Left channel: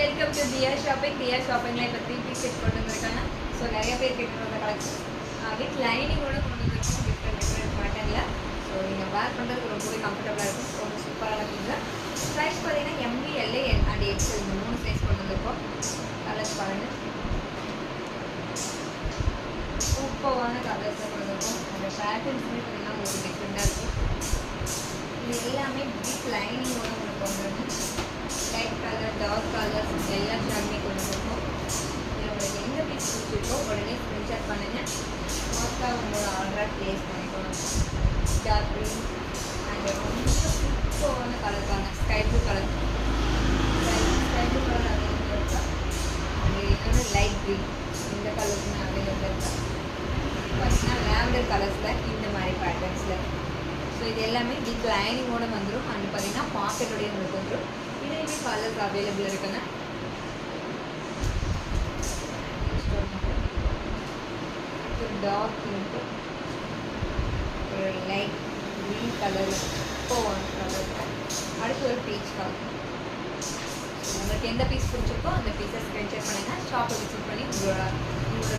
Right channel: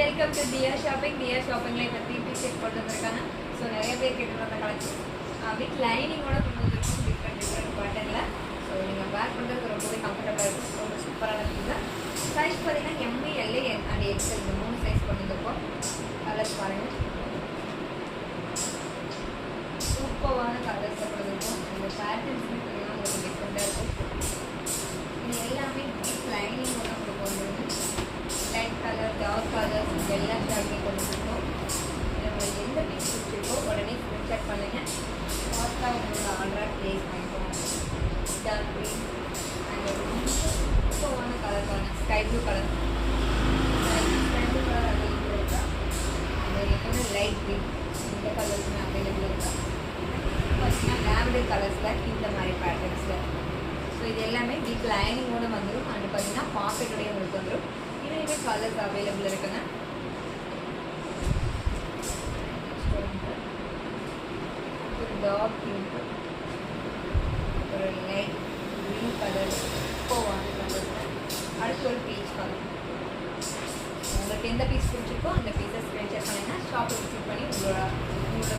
Welcome to DR shopping. DR ஷாப்பிங்கில் இப்போ 3 piece set கொண்டு வந்திருக்காங்க. ஸோ நிறைய பேர் கேட்டு வந்த கலெக்ஷன் வித் லைனிங்கோட கொண்டு வந்திருக்கோம். டிஃப்ரெண்ட் பேட்டர்னில். ஸோ நீங்கள் வேர் பண்ணுறதுக்கு ரொம்பவே கம்ஃபர்டபுளாக இருக்கும். கொஞ்சம் சூப்பராக இருக்குங்க. சைஸ் பார்த்தீங்கன்னா எம்ஏ, எல்ஏ அண்ட் எக்ஸ்எல் இந்த 3 சைஸ் கொண்டு வந்திருக்கோம். கலர்ஸ் பாருங்கள், சூப்பரான கலர்ஸாக கொண்டு வந்திருக்கோம். அந்த பேட்டர்ன்ஸுமே பார்த்தீங்கன்னா உங்களுக்கு டிஃப்ரெண்ட்டாக இருக்கும். இது எல்லாமே வித் லைனிங்கோட உங்களுக்கு வந்துருக்கு. லைட் கலர், டார்க் கலர்ஸ் எல்லா ஷார்ட்மே கொண்டு வந்திருக்கோம். உங்களுக்கு எந்த பீஸ் பிடிச்சிருக்கோ உடனே ஸ்க்ரீன்ஷாட் பண்ணுங்கள். ஃபாஸ்ட்டாக உங்களோட ஆர்டர் ப்ளேஸ் பண்ணிக்கோங்க. டார்க் க்ரீன் அண்ட் ரொம்ப சூப்பரான கலர்ஸான sky blue colour. Sky blue colour available இருக்கா? அது இன்னொன்று லைட் க்ரீன், இந்த கலர்ஸுமே அவைலபிள் இருக்கா? பார்த்தீங்கன்னா லேவண்டர் கலர்ஸில் இந்த மாதிரி பேட்டர்ன்ஸில். ஸோ இது எல்லாமே வித் லைனிங்கோடு வந்துடும். அண்ட் பார்த்தீங்கன்னா பாக்கெட்டோடையே உங்களுக்கு வந்துடும். இதுலேயுமே கலர்ஸ் அவைலபிள் இருக்குங்க. ஒரு டார்க் பிங்க்கு, ஒரு லைட் க்ரீன் கலர், சூப்பரான கலர். அடுத்து ஒரு பீச் கலர். உங்களுக்கு எந்த பீஸ் பிடிச்சிருக்கோ அந்த பீஸை ஸ்க்ரீன்ஷாட் பண்ணுங்கள். ஷாப்பை விசிட் பண்ணி உங்களோட